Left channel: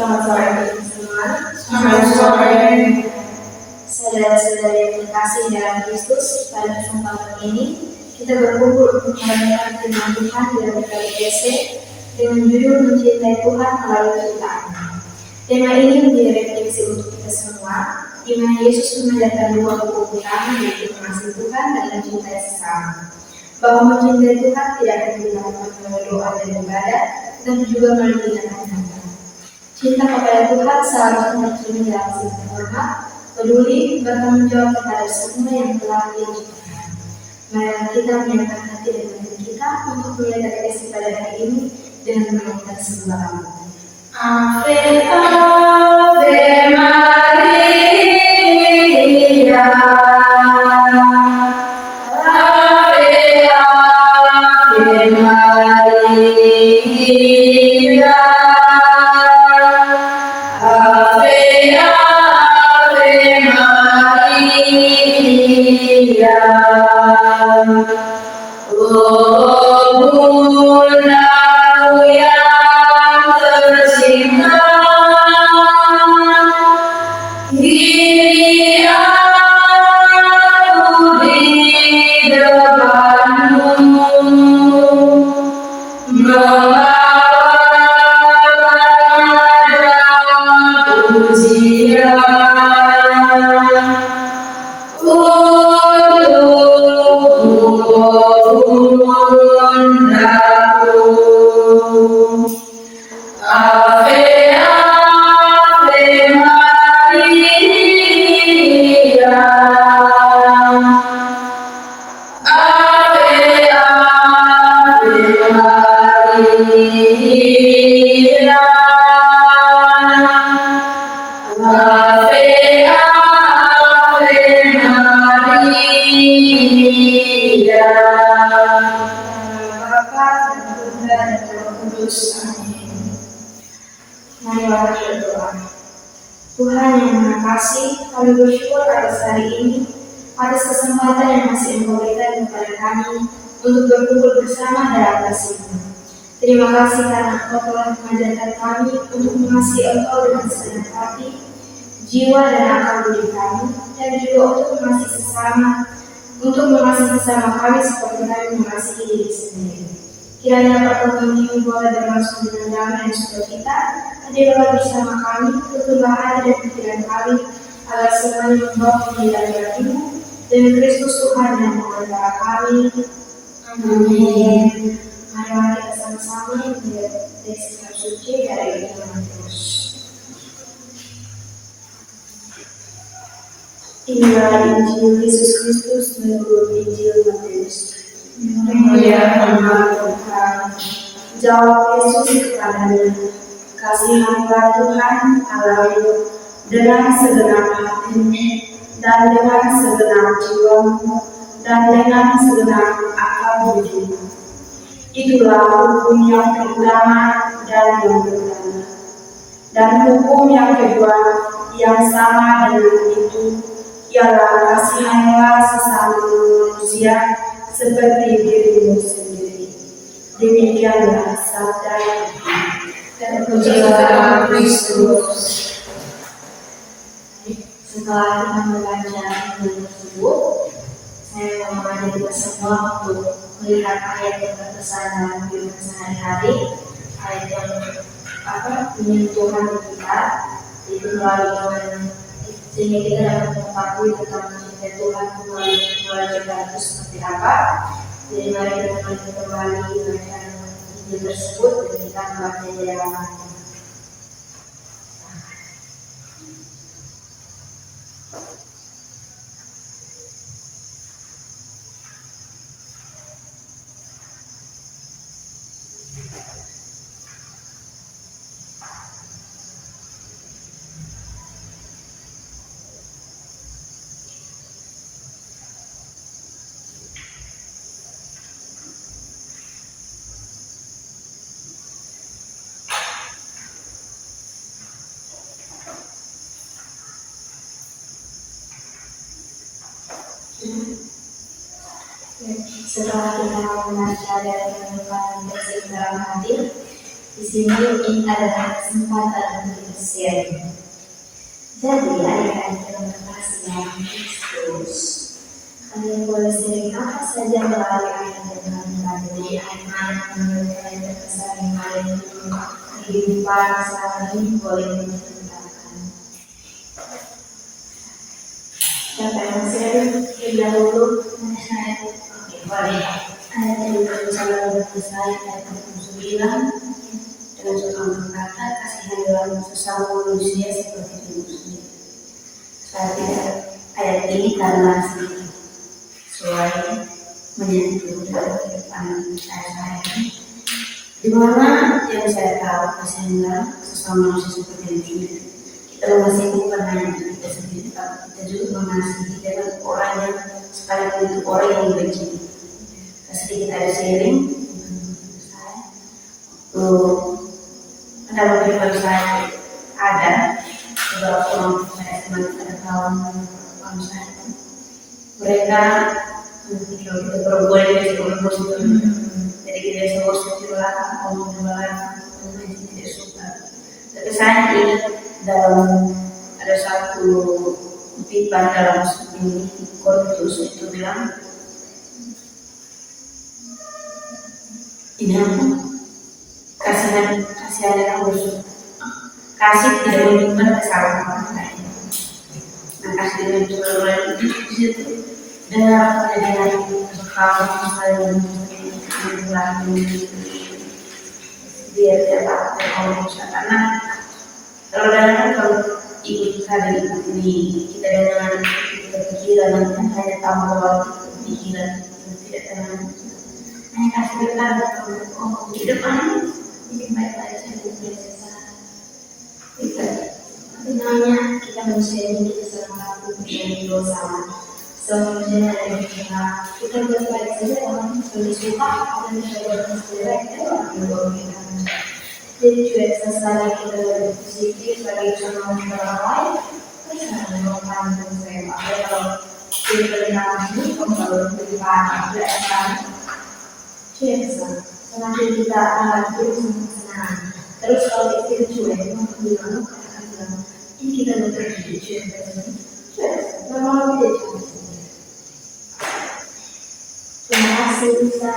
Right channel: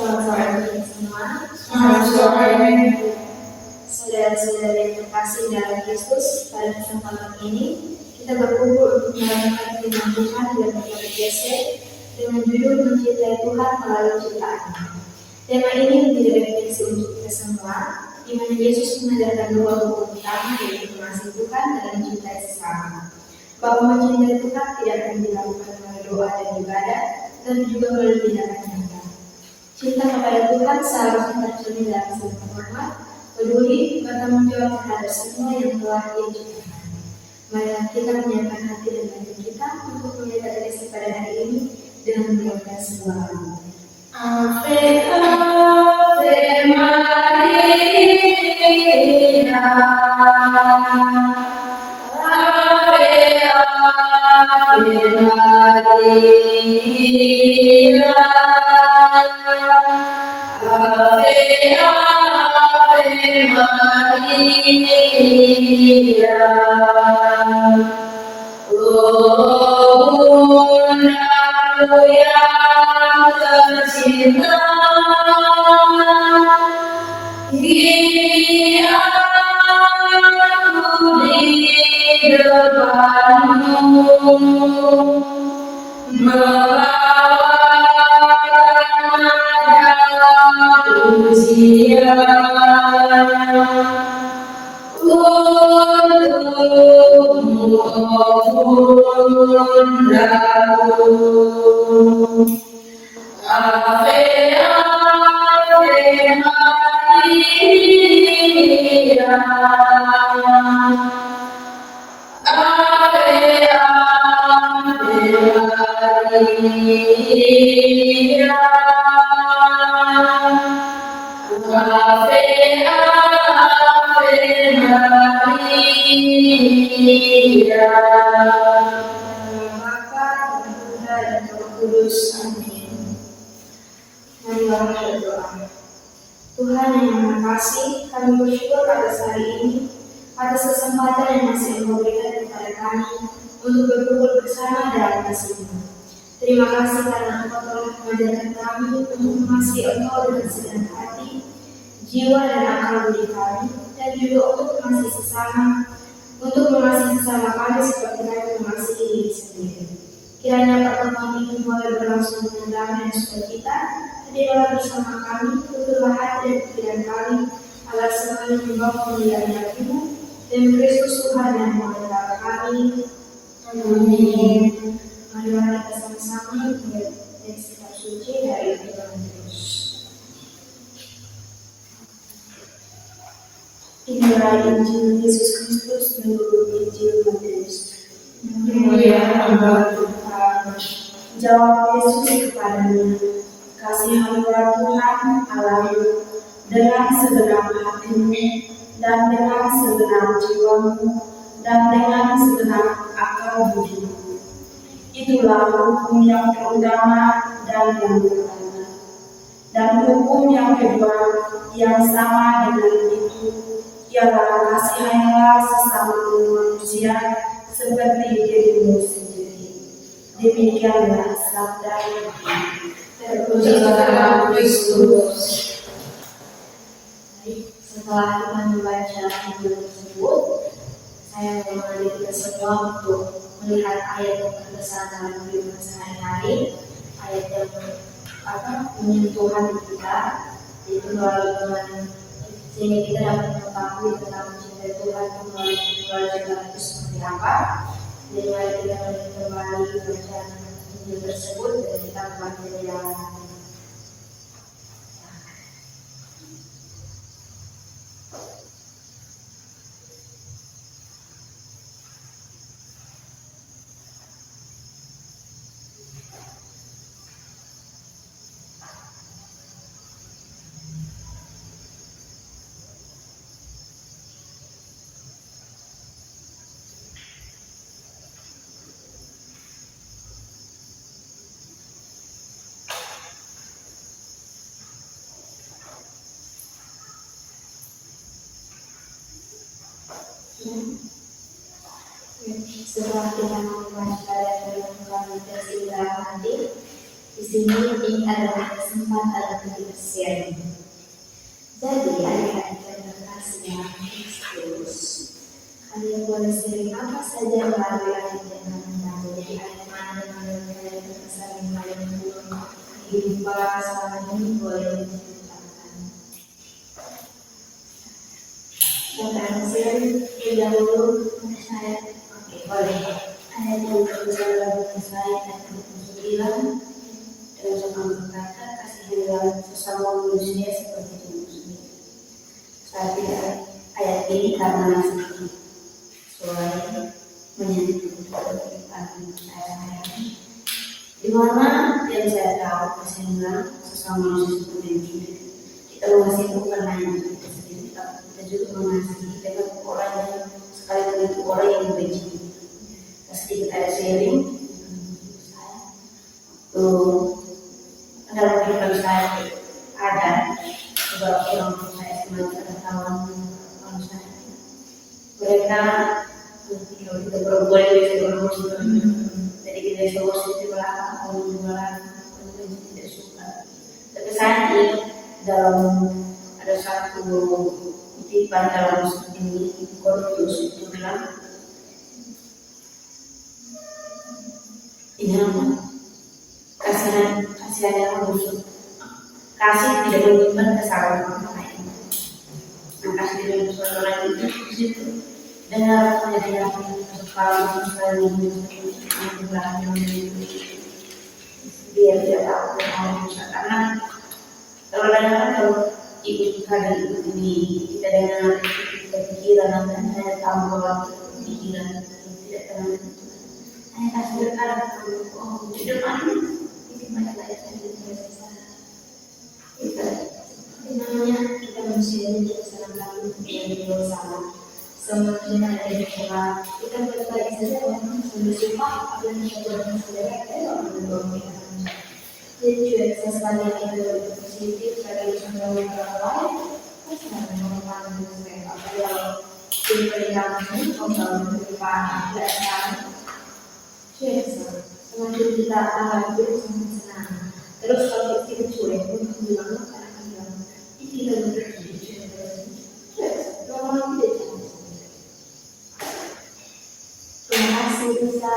Selamat sore semua. Selamat sore. Saudara-saudari yang terkasih dalam Kristus, pada kesempatan ini kita berkumpul untuk merenungkan firman Tuhan dalam berbagai esai dengan judul mencintai Tuhan melalui ciptaan. Tema ini menjadi refleksi untuk kita semua, di mana Yesus mengajarkan dua hukum utama, yaitu mengasihi Tuhan dan mencintai sesama. Bahwa mencintai Tuhan tidak akan dilakukan melalui doa dan ibadah, tapi juga melalui tindakan nyata. Cinta kepada Tuhan seharusnya tercermin dalam sikap hormat, peduli, bertanggung jawab terhadap semua yang telah Dia ciptakan. Mari kita menyiapkan hati dan batin kita untuk melihat refleksi pada hari ini dengan menyanyikan sebuah lagu. Ave, Ave Maria. Ave, Ave Maria. Ave, Ave Maria. Oh bundaku yang tercinta, kini aku di depanmu membawakan pujian untukmu, bundaku. Ave, Ave Maria. Ave, Ave Maria. Ave, Ave Maria. Bapa dan Putra dan Roh Kudus. Amin. Marilah berdoa. Tuhan yang Maha Kasih, kami bersyukur atas hari ini, atas kesempatan yang masih Engkau berikan kepada kami untuk berkumpul bersama dalam kasih-Mu. Terima kasih karena Engkau telah mengajarkan kami untuk mengasihi Engkau dengan segenap hati, jiwa dan akal budi kami, dan juga untuk mengasihi sesama kami seperti kami mengasihi diri sendiri. Kiranya pertemuan ini boleh berlangsung dengan damai dan sukacita. Hadirlah bersama kami, tuturlah hati dan pikiran kami, agar semuanya membawa kemuliaan bagi-Mu, demi Kristus Tuhan yang mengasihi kami. Amin. Marilah kita sama-sama melihat teks kitab suci dari Injil Matius. Inilah Injil Yesus Kristus menurut Injil Matius. Mulia nama Tuhan. Jawab Yesus kepadanya, "Kasihanilah Tuhan Allahmu dengan segenap hatimu dan dengan segenap jiwamu dan dengan segenap akal budimu. Itulah hukum yang terutama dan yang pertama. Dan hukum yang kedua yang sama dengan itu ialah kasihanilah sesama manusia seperti dirimu sendiri." Demikianlah sabda Tuhan. Terpujilah Kristus. Setelah kita membaca Injil tersebut, saya mau mengajak kita semua untuk melihat ayat yang terkesan dalam kehidupan sehari-hari, ayat yang menyentuh hati kita, yaitu melalui Tuhan, sehingga kita dapat mengetahui tentang mencintai Tuhan melalui ciptaan itu seperti apa. Jadi mari kita melihat kembali bacaan Injil tersebut dan kita membaca di dalam hati. Setelah kita membaca dan merenungkan teks dalam hati, Di sini ini adalah kesempatan untuk sharing. Jadi adik-adik yang terkasih dalam Kristus, kalian boleh sharing apa saja melalui ayat dan kalian dari ayat-ayat yang menurut kalian terkesan yang kalian dulu kehidupan selama ini boleh diceritakan. Siapa yang sharing? Dahulu saya. Oke, boleh. Ayat yang berbicara bagi saya ayat 29. Dalam satu kata, kasihilah sesama manusia seperti diri sendiri. Saya tidak ayat ini karena sedikit sesuai menyentuh dalam kehidupan saya ini. Di mana yang saya tahu kasihilah sesama manusia seperti diri sendiri. Kita mengasihi bukan hanya kita sendiri, tapi kita juga mengasihi dengan orang yang sekalipun itu orang yang membenci. Sedikit ada sharing dalam kehidupan saya ada beberapa orang saya semacam ada kawan saya mereka ketika kita perempuan biasa emosi jadi kita biasa emosi di belakang ngomong di belakang tidak suka. Tapi saya ingat dalam ada satu kutipan dalam ini Korintus itu bilang ini apa? Kasihan yang busuk. Kasih tidak menyimpan kesalahan orang lain. Nah, kasih tidak menyimpan orang lain itu di situ. Dengar kalau misalnya biar dia tahu kalau bisa karena kalau kalau ikut ini kita dengar kita pikiran nanti hanya tambah waktu pikiran tidak tenang. Hanya kasih dengar kalau di depan ini baik-baik saja biasa. Sebenarnya kita manusia ini kita selalu mempunyai dosa. Semuanya ada di dalam kita baik-baik saja orang lebih suka ada yang mencoba menjelek dan orang yang berlebihan. Jadi juga sesuatu kita lebih positif sebagai contoh orang lain. Kita sangat mengembangkan saya kalau di perintah ini kalau lebih parah biasa. Biasa. Semakin kita akan hidup senang. Terus kalau kita cuek, mungkin bilang ini kita betul hidup cuek. Memang tidak cuek. Terima kasih bisa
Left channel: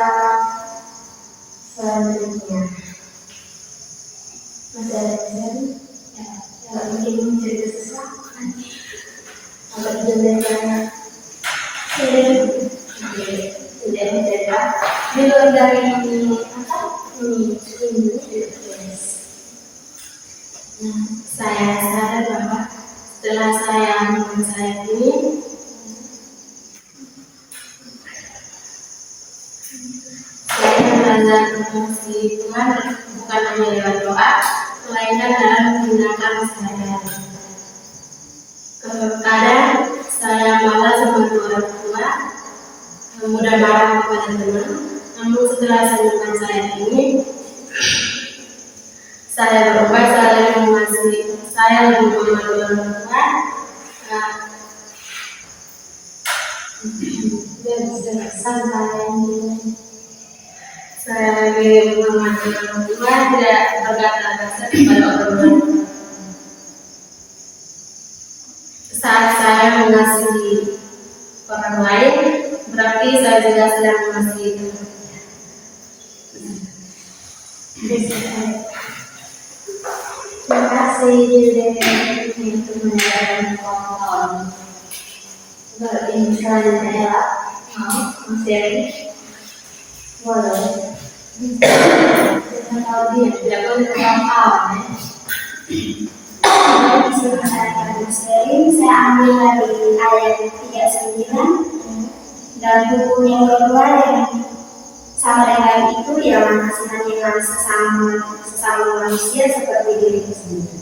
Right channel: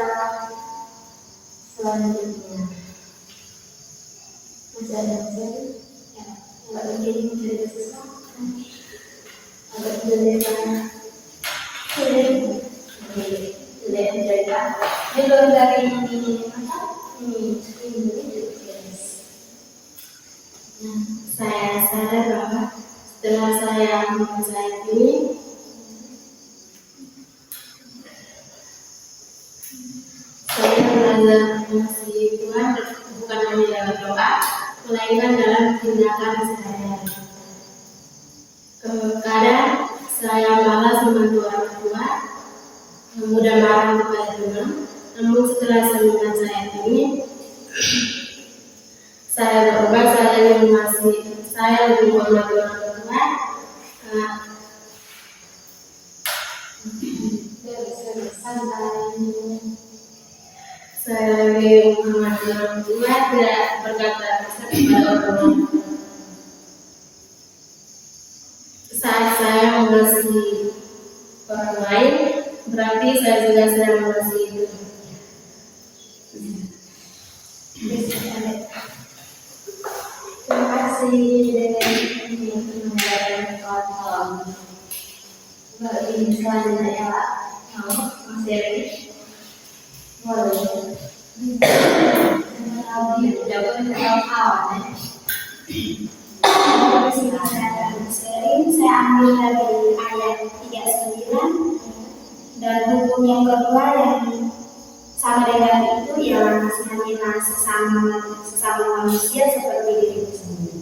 selanjutnya. Masih ada yang ya, kalau mungkin cerita sesuatu apa kita bertanya sudah mencerita di luar dari ini apa ini saya sadar bahwa setelah saya membaca ini saya belajar mengasihi Tuhan bukan hanya lewat doa melainkan dalam tindakan sehari-hari. Kadang saya malas membantu orang tua, mudah marah kepada teman, namun setelah saya membaca ayat ini saya berubah, saya lebih mengasihi, saya lebih membantu orang tua. Saya lebih membantu orang tua, tidak berkata kasar kepada orang lain. Saat saya mengasihi orang lain, berarti saya juga sedang mengasihi Tuhan. Terima kasih untuk mendengarkan kawan-kawan. Ini selanjutnya masih ada. Boleh. Jangan tahu dia tidak boleh kawan-kawan. Saya akan sharing. Saya ambil dari ayat 39 dan hukum yang kedua yang sama dengan itu yang mengasihanilah sesama manusia seperti diri sendiri.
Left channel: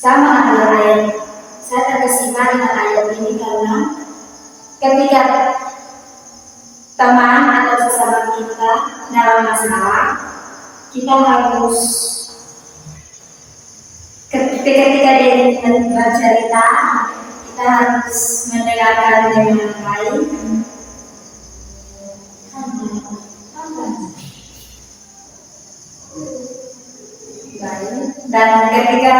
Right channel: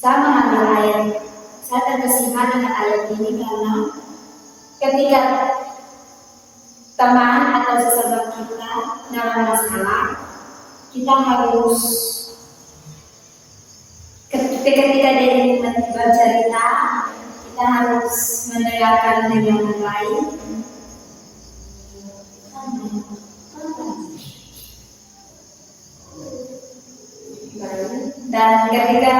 Sama dengan ayat, saya terkesima dengan ayat ini karena ketika teman atau sesama kita dalam masalah, kita harus ketika dia bercerita, kita harus mendengarkan dengan baik. Dan ketika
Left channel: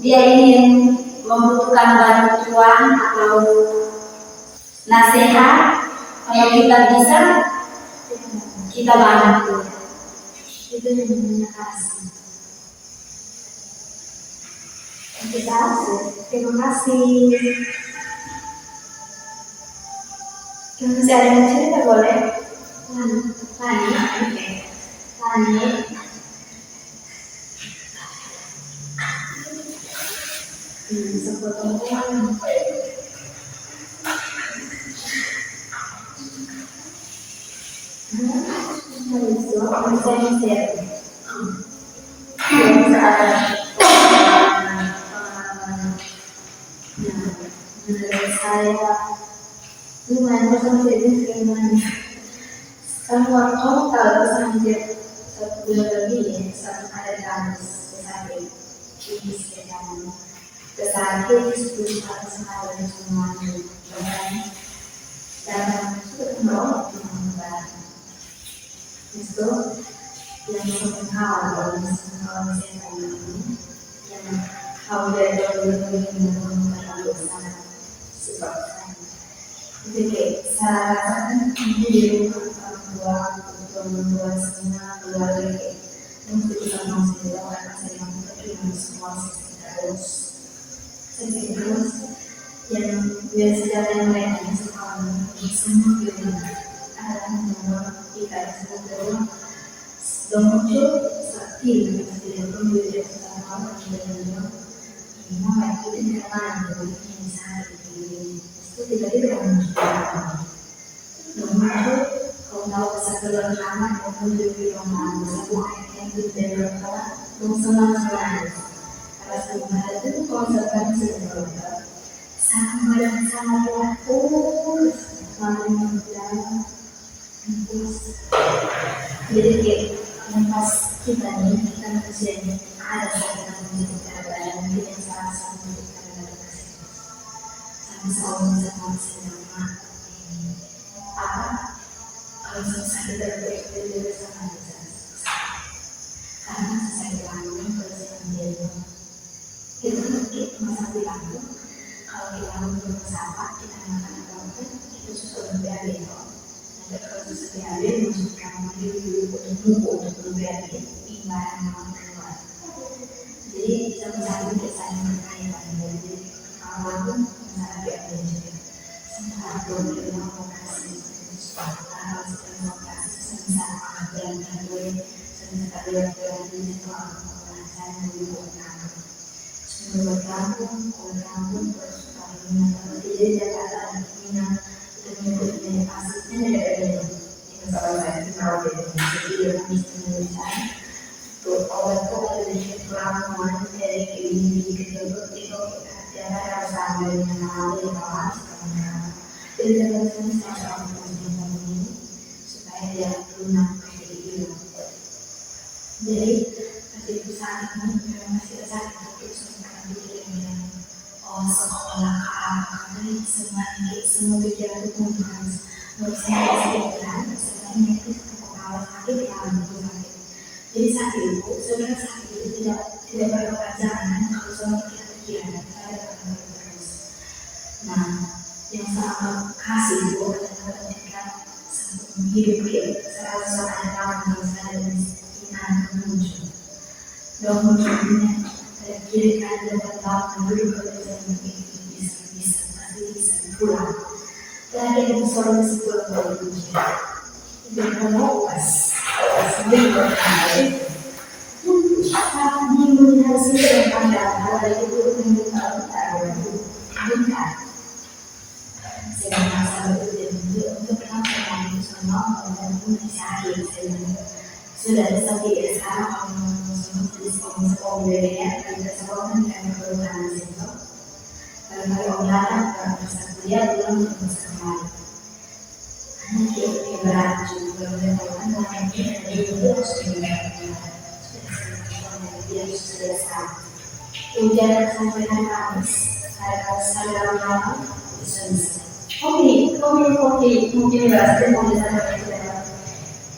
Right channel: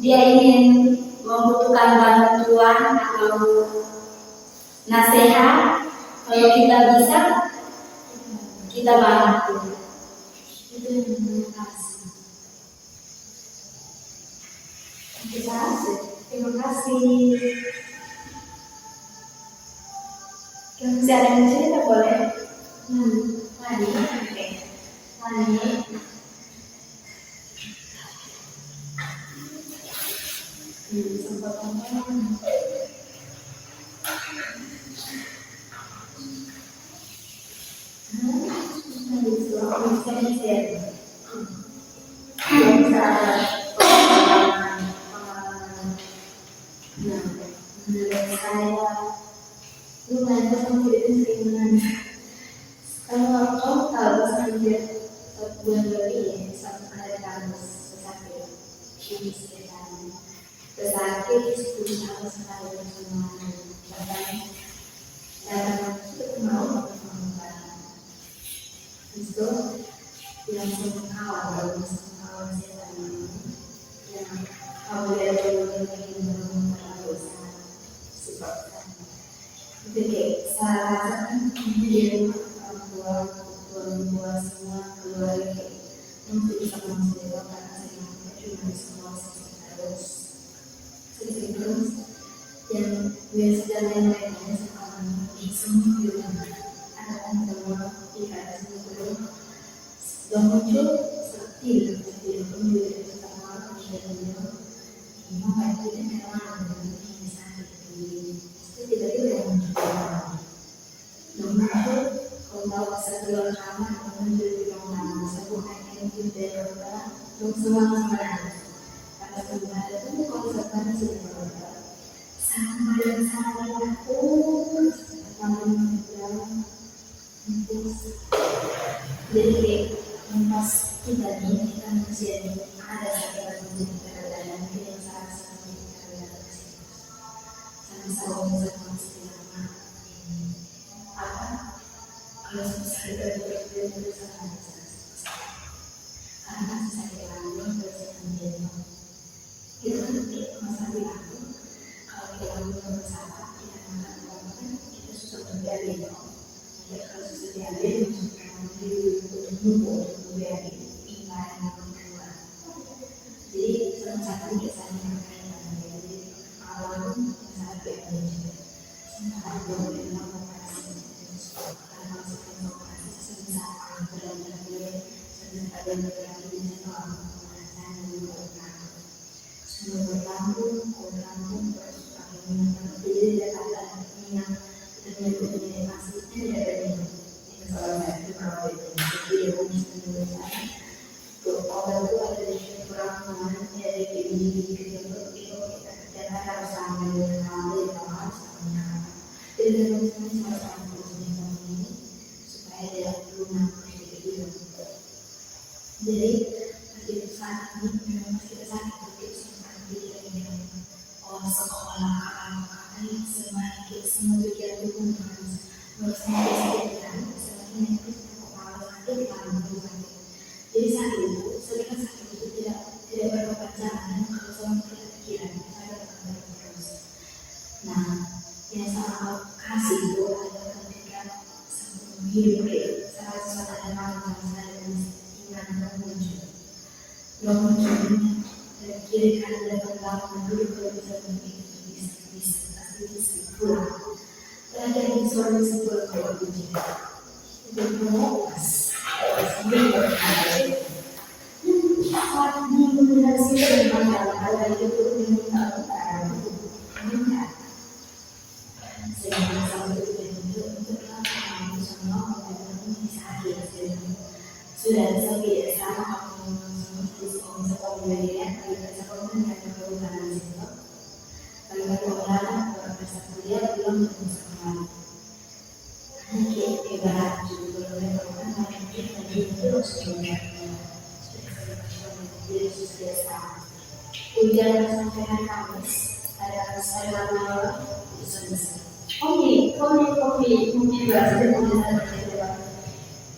dia ingin membutuhkan bantuan atau nasihat, kalau kita bisa, kita bantu. Itu yang namanya kasih. Terima kasih. Kalau masih ada yang cerita boleh. Lani, oke. Lani. Sebetulnya. Saya lumayan bersama jadi gimana? Kan waktu kalau sampai 1 bulan lebih ya, ada kamus sakit ini sekitar kesakit 10 tahun sekali semuanya dan sudah menolong itu yang menghal setan ini yang awalnya dulu begini terlalu sangat sifat jadi saya jadi orang tua semua keluarga untuk bisa menghasilkan karena saya mampu terima semua terus yang biasa yang lainnya sekarang semua film adalah membawa ikan semua belum muncul seperti itu tidak perlu dia pertama dan kedua ini mau itu karena ini sangat itu tiba-tiba muncul belum muncul kalau mau pasal keluar kamar mau di rumah sebuah yang itu dari rumah belum semua karena semua itu konsekuensi sama dan sangat waktu jadi pas kita nih kita manusia ini ada saat kita menjadi keadaan mungkin yang salah satu kita sama-sama sama kalau susah kita berpikir bersama karena susah dilalui bersama dia itu masa dilaku kalau kita menurut siapa kita makan apa itu susah berbiaya nanti kalau susah berbiaya maksudkan untuk berbiaya ibarat nama keluar jadi sama-sama kita saling berkaitan jadi awal pun masalah berbiaya juga sementara berbiaya mau kasih harus termokasi sementara dan terbuat sementara berbiaya soal pembahasan menurutkan semua kampung persukaan kalau tidak Jakarta minat dengan asisnya dari ini salah satu kalau jadi dia bisa menuliskan awal itu ada di pengalaman dari ini itu jangan harus sama dengan hal yang kawan jadi teman-teman saya akan mengusulkan ini supaya dia lunak kayak gitu jadi itu saat ini memang masih saat itu oh sekolah kami semua pikiran itu menurut saya pikiran sebenarnya itu kalau sakit kalau sakit jadi saat itu sebenarnya sakit itu tidak berkepanjangan kalau semua pikiran saya akan terus nah yang sangat kasih itu adalah ketika hidup serasa ada kawan saya dan iman muncul dan munculnya kiri kanan depan belakang dulu kalau bisa pulang terakhir itu seorang bisa pulang dari ujian dan kalau pas seminggu hari minggu hasil yang pada itu meminta bukan saya merasa itu untuk melakukan semua dan mencari sudah sampai sekarang sekolahnya kita sekolah dan perubahan itu kalau pengolahan bisa kuliah belum bersama hanya ibarat juga belum melakukan kita juga sudah ujian sampai hari Kamis saya malam bisa kopi mungkin berhasil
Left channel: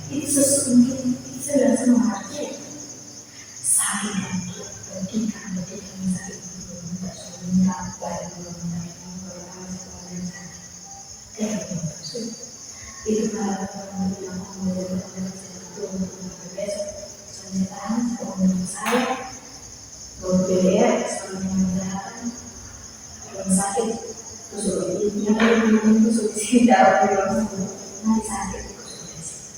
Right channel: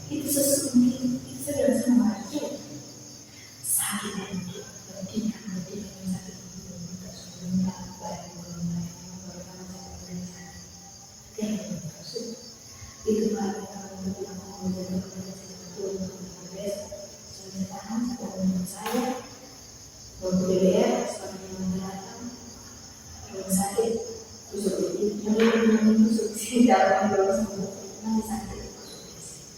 itu mungkin Saya langsung mengerti. Saya dan dia berdikan sakit itu minta suaminya baik mengenai itu malah orang bilang mulai kepada saya untuk besok pernyataan menurut saya bahwa BDR sebagai menegakkan orang sakit tusuk yang tusuk di sini dalam di ruang sembuh nanti sakit tusuk di sini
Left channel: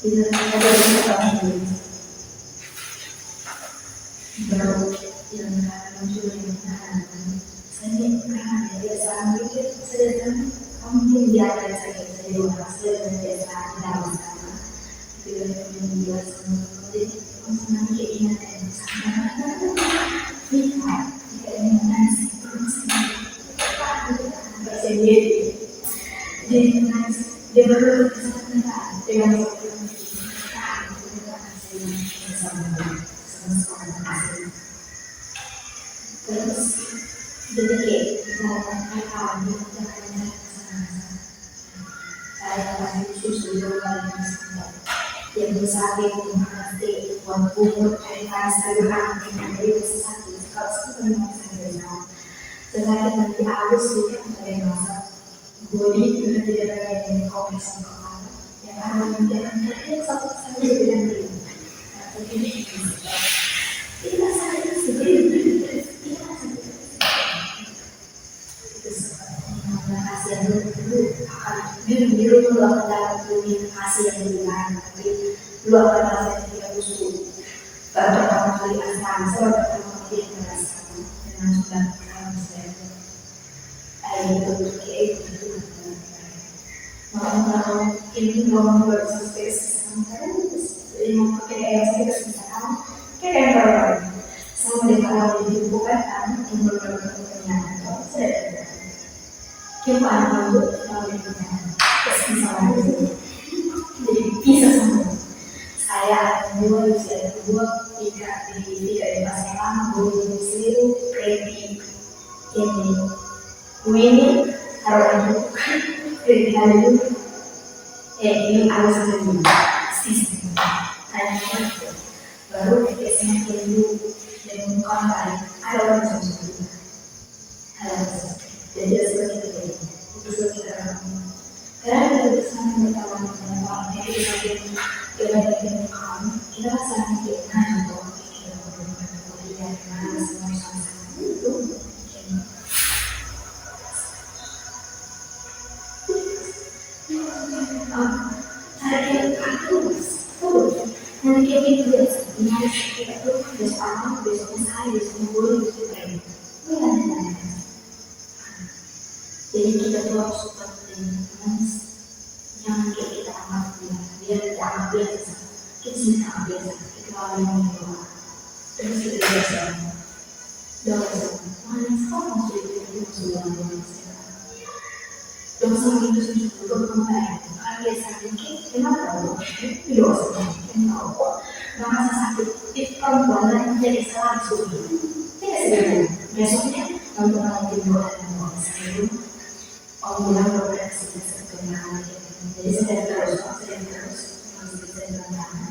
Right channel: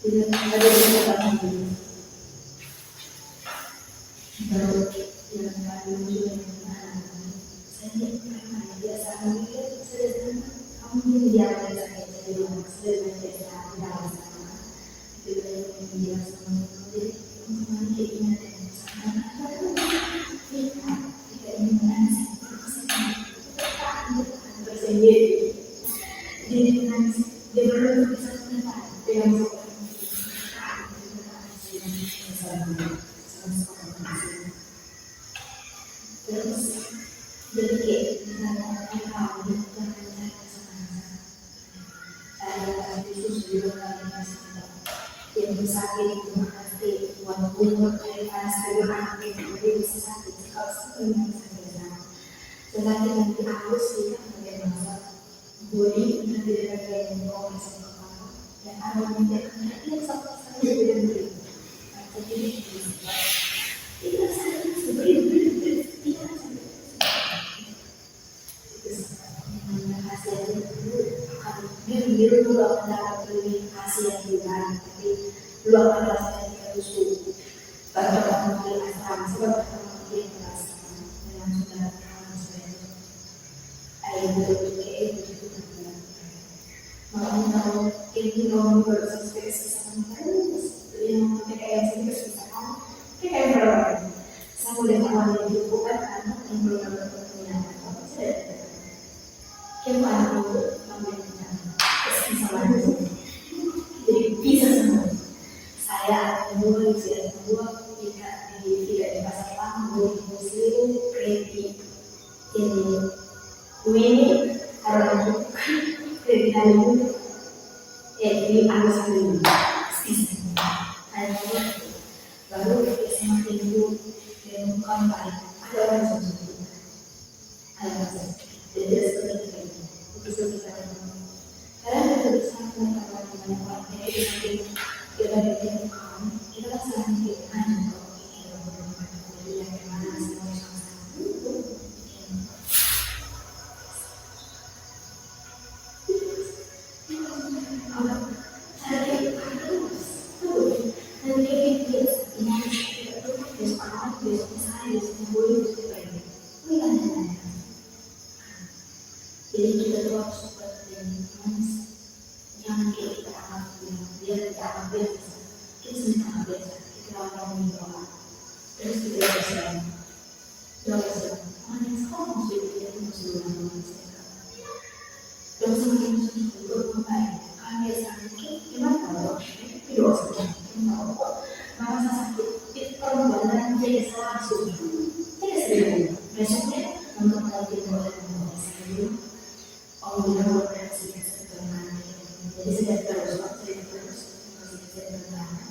itu ada orang baru yang kami muncul yang menahan saya karena dia saat pikir saya dan kamu ini dia ada sakit saya lupa saya dan biasa dalam sama bila dia sama jadi kamu kayak ini sama lihat jika ini menangis sendiri jadi menangis dia baru kesempatan dengan terus jadi kayak misalnya kami saya kasih susu di bawah yang sakit pasti buat bumbu cairan segera dengan dia sakit kalau sakit memang sakit selain nanti halus juga dari masa body sudah tidak ada yang kompresi kepala yang ada nanti akan terlihat satu sampai dengan dia jadi tidak sakit sebenarnya tidak sakit itu yang kasih yang dulu akan biru dulu akan dapat lebih kasih yang lebih lain tapi dulu akan rasa yang tidak busuk baru pertama kali asam sebab pertama kali yang merasakan dengan sudah mau ini mau bersesuai sama terus yang pakai saya kesusahan kayak berapa sama dengan hal ini bukan yang berbeda saya kita untuk kesusahan jadi bisa sama saya dua tiga di pasar lama boleh muslim kredit ini harus kredit dulu ini harus dulu sistem hanya baru semakin dulu dengan kontak ada orang seperti jadi seperti itu kita karena kita bersama mengetahui banyak orang yang kita berikan kamu kita rasakan kita untuk kita berikan kuliah mana semua sama itu jadi kita tuh harus seperti jangan kayak kita amat dia tidak amat biasa kita sendiri amat biasa kita awalnya doa terus kita doa mana sekarang masuk kita masuk doa sama itu sudah berkembang kalau dia sakit kenapa doa kenapa merasa sakit itu perempuan jadi langsung tidak sedang besoknya untuk nanti doa dan saya orang bilang beroperasi terkenal jadi saya terus masih bisa berjalan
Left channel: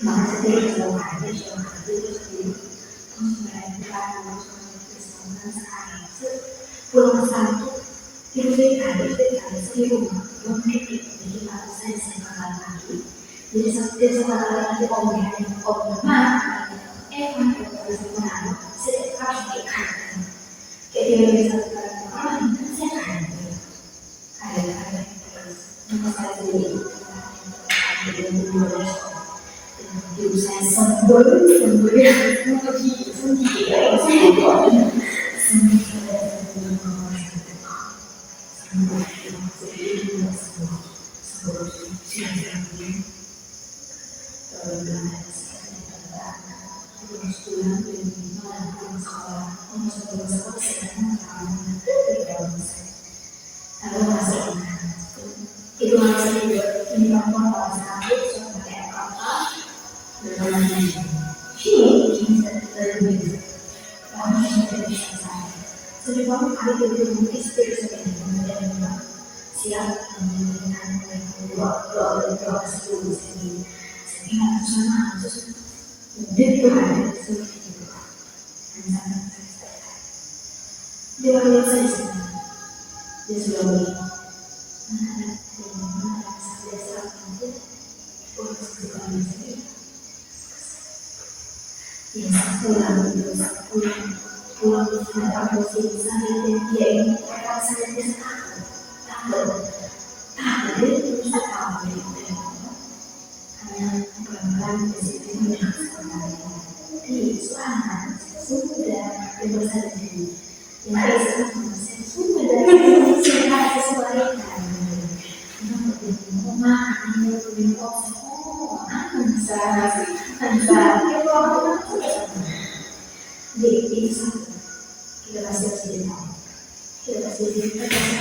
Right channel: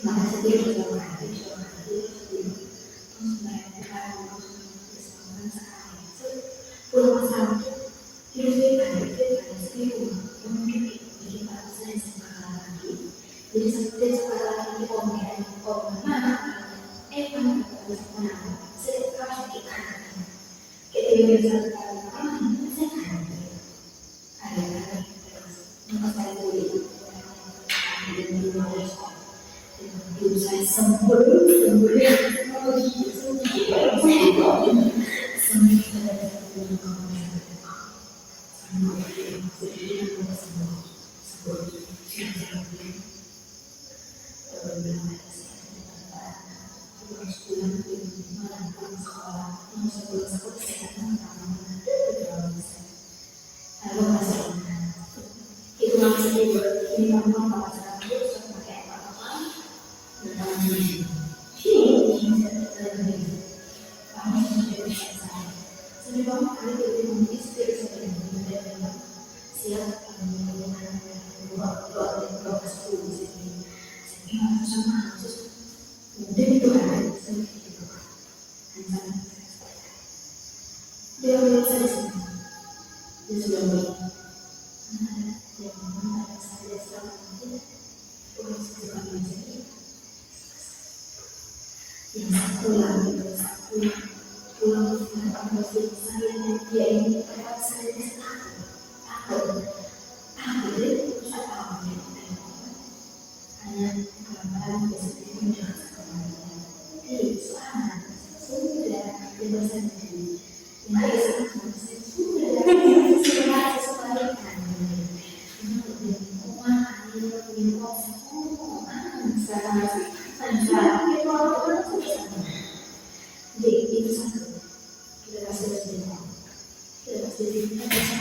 maka saya tidak habis terus mereka langsung bersama sekali pulang ke sana itu saya habis di rumah mungkin jadi kalau saya bakal lagi jadi setiap sekali lagi mana emang bisa menang saya harus ikan kayak dia bisa saya sembuh ya mau itu masih ini kamu apa sakit sama kayak apa dengan ini lebih kamu sudah bisa saya sebelum kali itu mungkin seperti menjadi siap dengan doa sebelum sini Ingat sama dari Tuhan seperti itu. Dia lihat saya semua. Dia sudah mana yang mana saya serahkan dia. Oh, sekarang ini. Yang satu lagi itu pulang datang ke sini saya dan dia ini akan saya takut dia terus tahu hanya pelan-pelan di sini mendengar di suara sudah yang besar ini yang saya sudah sesuai kan rumah ini bentuk ansar di satu kita pasti cerita sekarang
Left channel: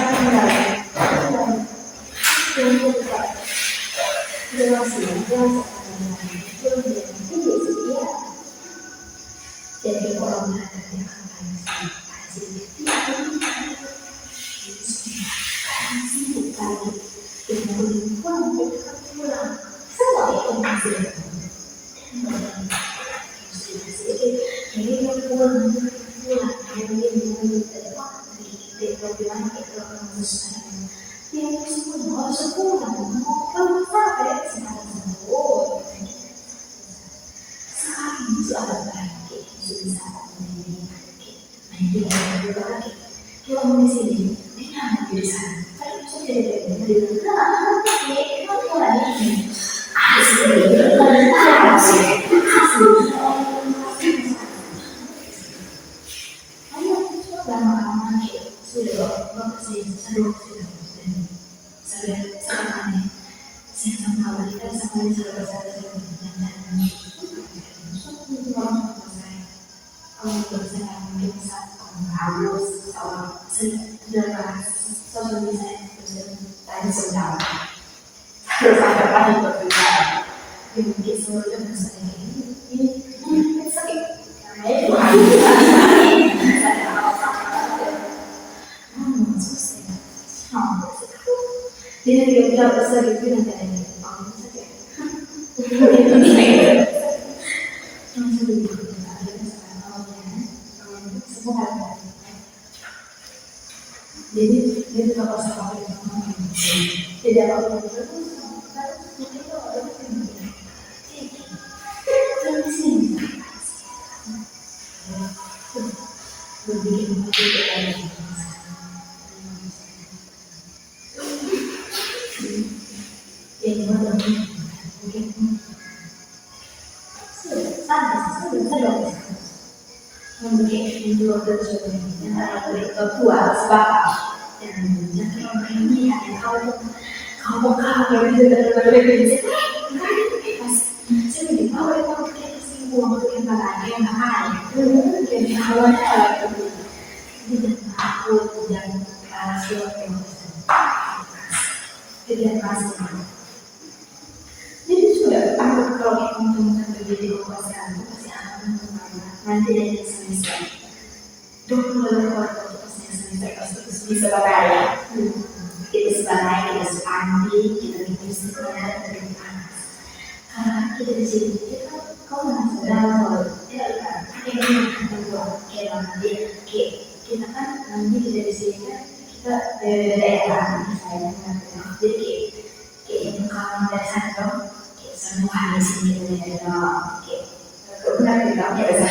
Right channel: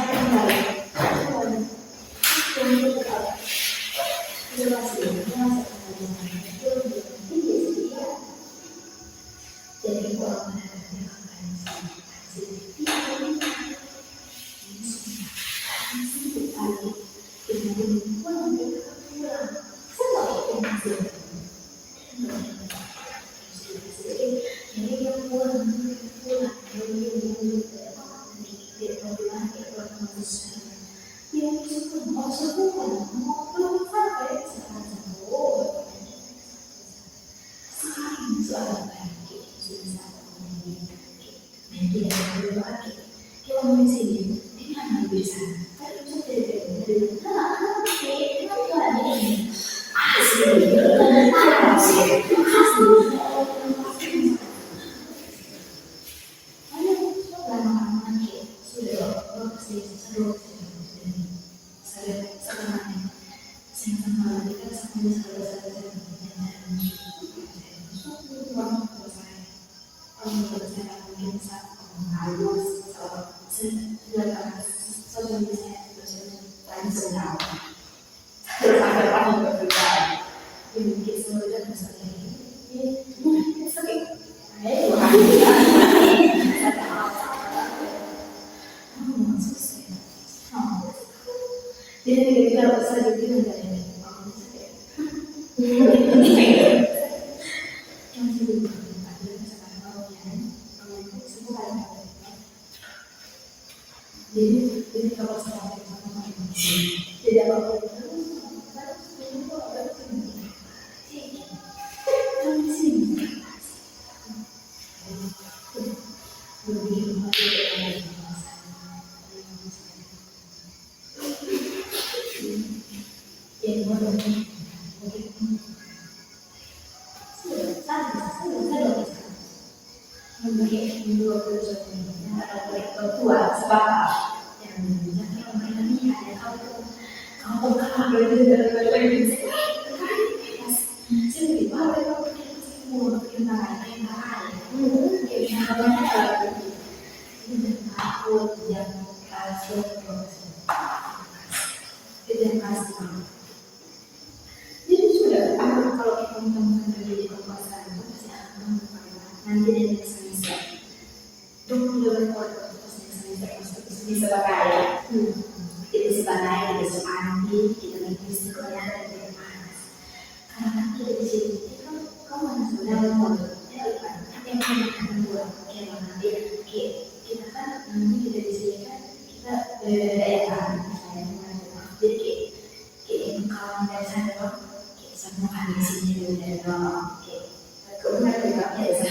mendalam dan tetap jelas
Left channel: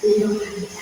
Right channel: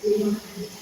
jadi orang yang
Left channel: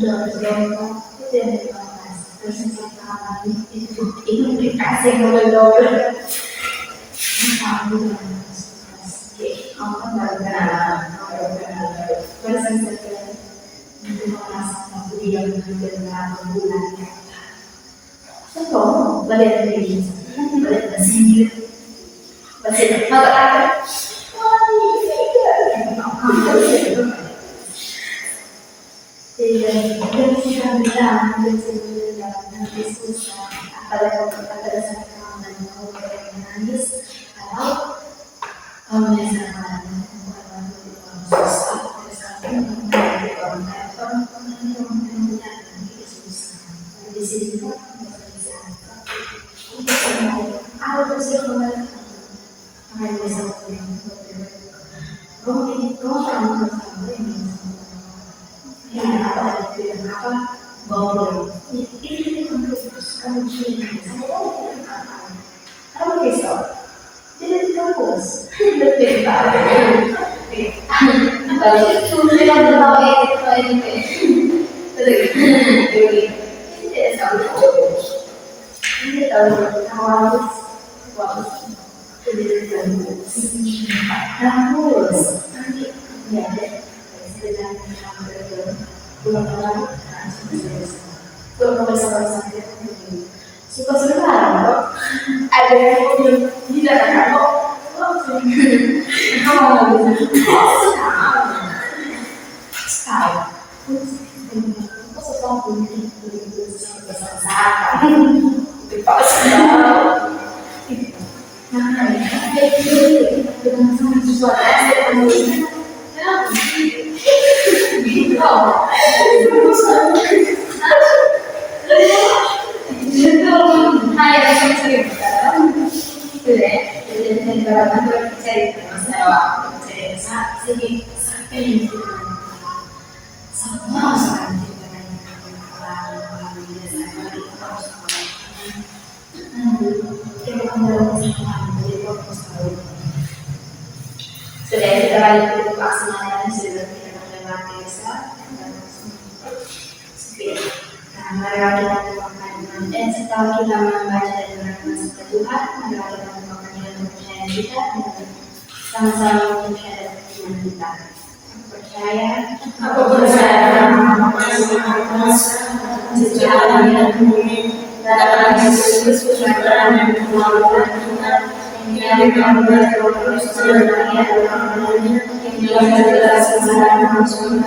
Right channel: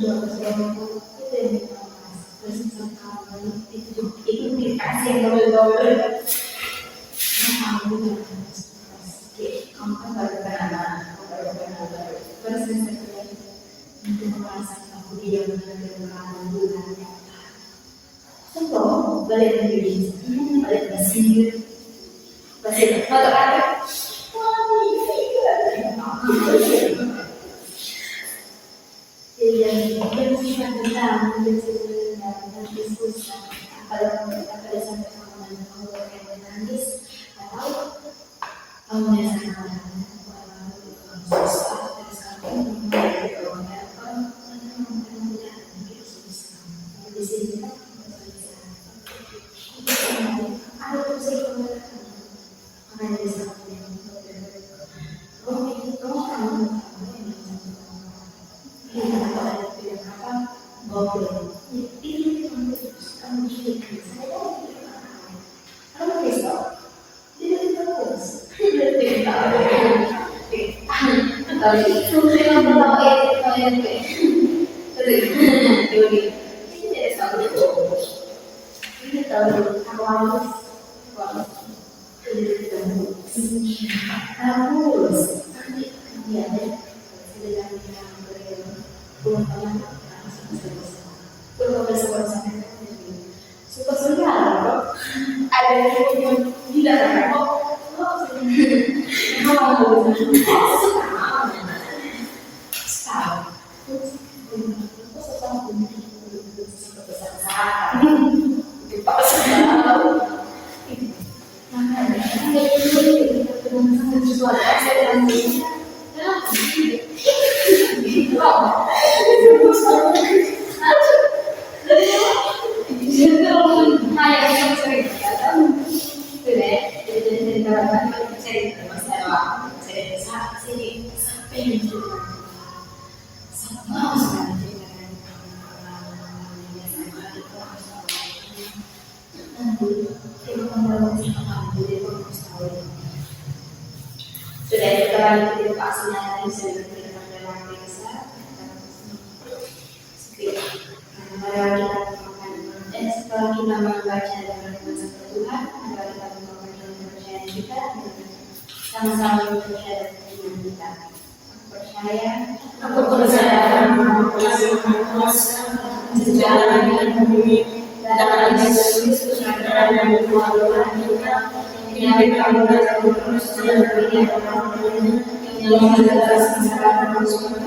doa itu yang dibahas. Terus yang kami itu dikasih kepada kamu kan baru kenalan, terus yang kedua itu merasa aku dia benar-benar bulan Contoh, balik dari balik ke sini, balik mata ada. Jadi yang kita bisa menjadi dalam diskusi, apalagi ada satu kawan yang menangis atau misalkan susah, di sini kan ada proses pembayaran makanya bisa suka sebentar ada yang di dalam kamu sudah kita balik ke pelaksanaan sudah kita pakai desa. Marilah kita doakan setelah kita membaca dan merenungkan sabda Tuhan, marilah kita melakukan dengan kepercayaan kita dan sama-sama percaya dengan kita. Aku percaya Maha Kuasa, sejahtera dan bumi, dalam Yesus Kristus Tuhan dan kemaluan Tuhan, yang dikabulkan terus dan bahagia dalam namanya, yang segala sengsara manusia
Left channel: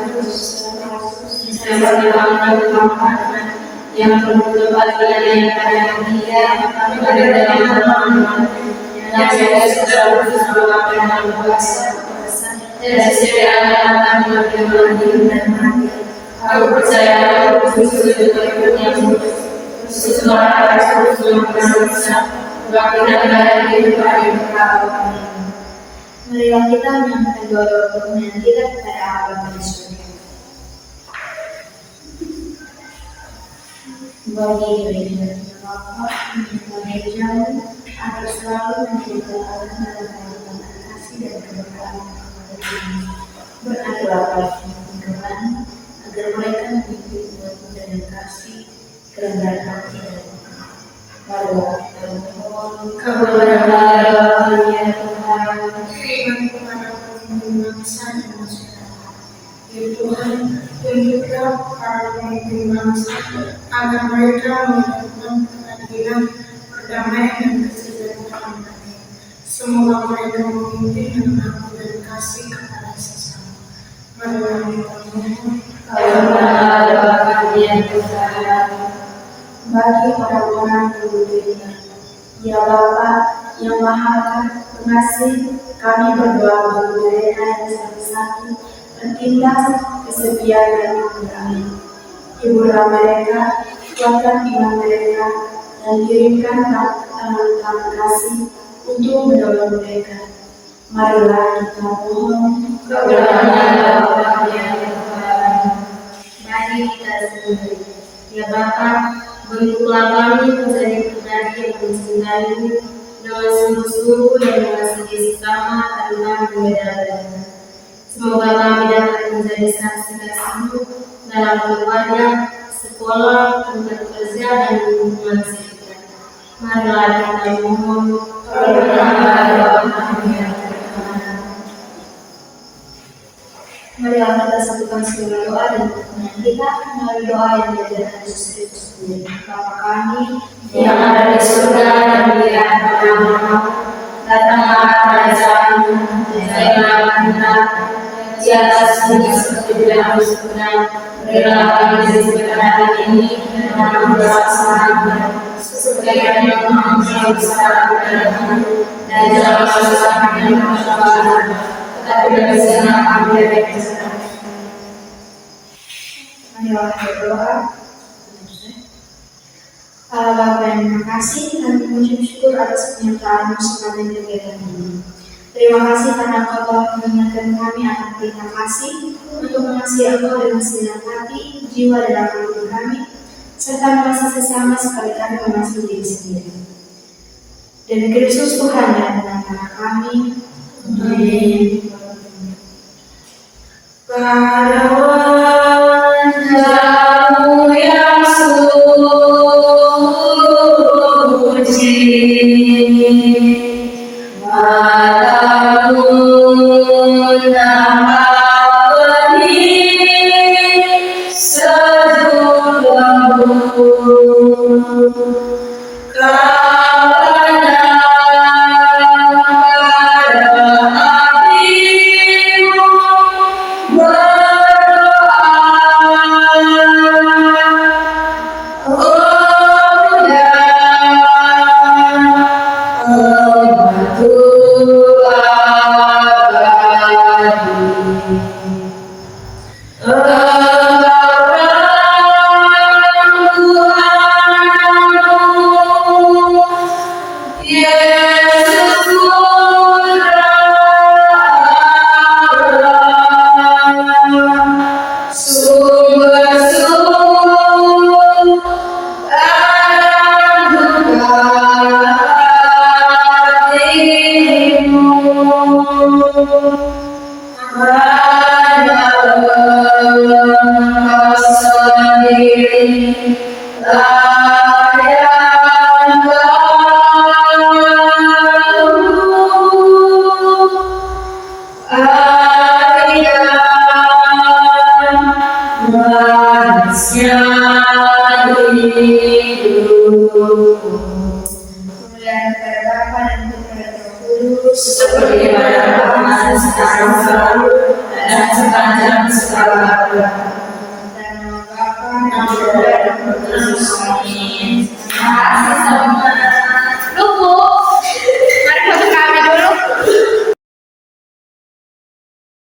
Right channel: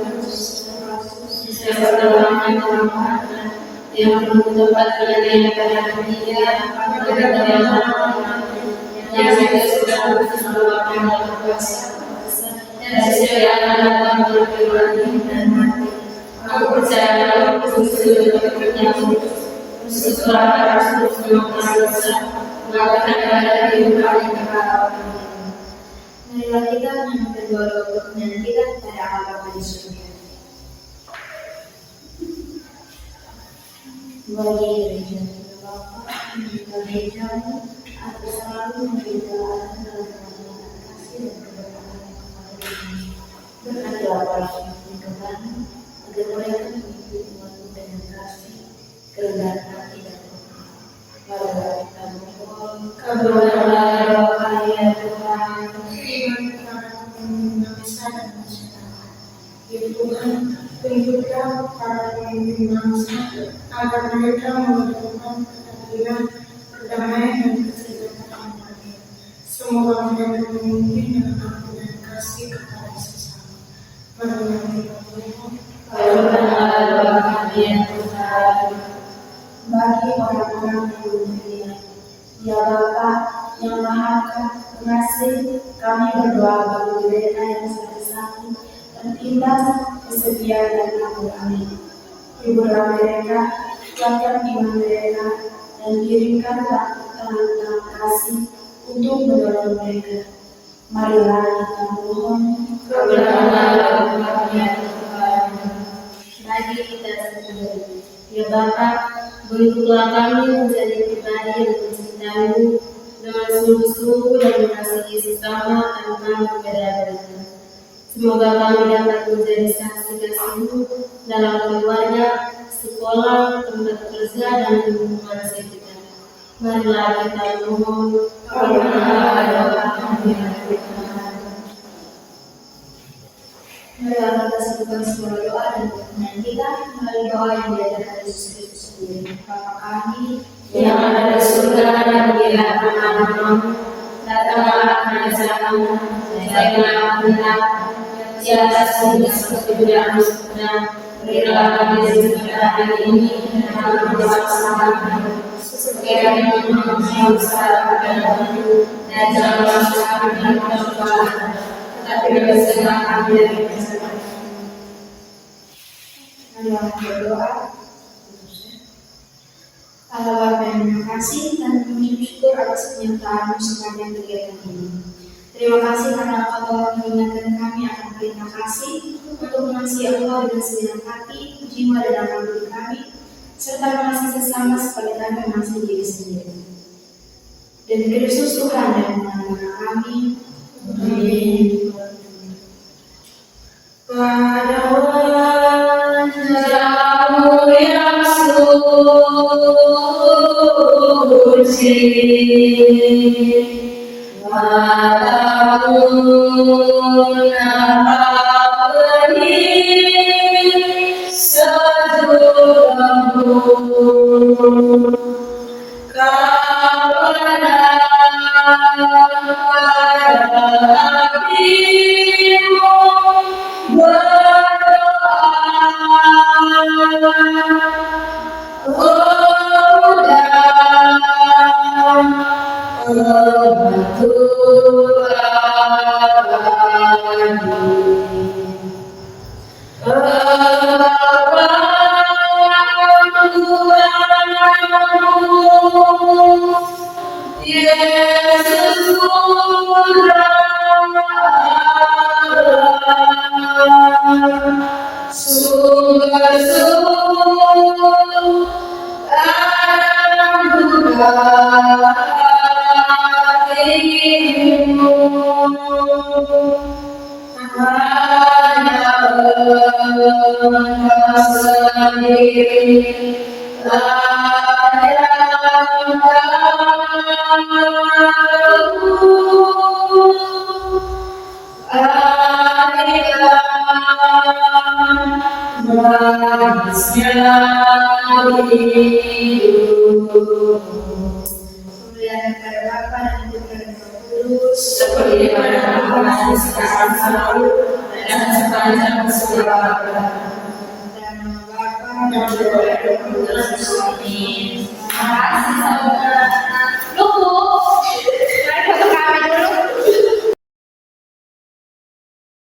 yang penuh tempat yang pada dia pada dalam nama yang segala sesuatu yang kuasa dan segala datang dan mati. Aku percaya Kristus berikutnya sesuatu yang kuasa bahkan ada di depan kita. Marilah kita menyampaikan doa-doa permohonan kita kepada Allah Bapa di surga. Bagi gereja Bapa gereja agar selalu menjaga Allah dalam kasih dan keberkahan kepada kami. Berkatilah para Tuhan agar mereka memiliki kekuatan dan kasih, kerendahan hati dan marilah kita mohon kabulkanlah doa kami ya Tuhan. Berikan kepada kami bangsa dan masyarakat. Ya Tuhan, tunjukkan para pemimpin bangsa agar mereka melakukan keadilan, perdamaian dan kesejahteraan kami. Semoga mereka memimpin dengan amal dan kasih kepada sesama. Marilah kita mohon kabulkanlah doa kami ya Tuhan. Bagi orang-orang yang beriman, ya Bapa yang Maha Pengasih, kami berdoa bagi mereka yang sakit-sakit, tertindas, kesepian dan kekurangan. Hiburlah mereka, kuatkan iman mereka, dan kirimkan tangan kasih untuk menolong mereka. Marilah kita mohon kabulkanlah doa kami ya Tuhan. Bagi kita sendiri, ya Bapa, bentuklah kami menjadi pribadi yang mencintai dengan sungguh-sungguh dan mengasihi sesama tanpa perbedaan. Semoga kami dapat menjadi saksi kasih-Mu dalam keluarga, sekolah, tempat kerja, dan lingkungan sekitar. Marilah kita mohon, Perkenalah Bapa kami yang di surga. marilah kita satukan segala doa dan pertanyaan kita melalui doa yang diajarkan Yesus Kristus sendiri. Bapa kami Yang ada di surga dan dimuliakan namamu, datanglah kerajaanmu, jadilah kehendakmu di atas bumi seperti di dalam surga. Berilah kami rezeki pada hari ini dan ampunilah seperti kami mengampuni kesalahan kami, dan jangan masuk kami dalam pencobaan, tetapi bebaskanlah kami dari kejahat. marilah berdoa. Allah Bapa yang Maha Kasih, kami mengucap syukur atas penyertaan-Mu sepanjang kegiatan ini. Terima kasih karena Engkau telah mengingatkan kami akan perintah kasih untuk mengasihi Engkau dengan segenap hati, jiwa, dan akal budi kami, serta mengasihi sesama seperti kami mengasihi diri sendiri. Demi Kristus Tuhan dan benar-benar kami. Amin. Wajah-Mu yang suci, mata-Mu nampak benih sejuk lembut, Kau pandang pada hatimu, Kemuliaan kepada Bapa dan Putra dan Roh Kudus, seperti pada permulaan sekarang selalu dan sepanjang segala abad. dan nama Bapa Dan Putra dan Roh Kudus. Amin.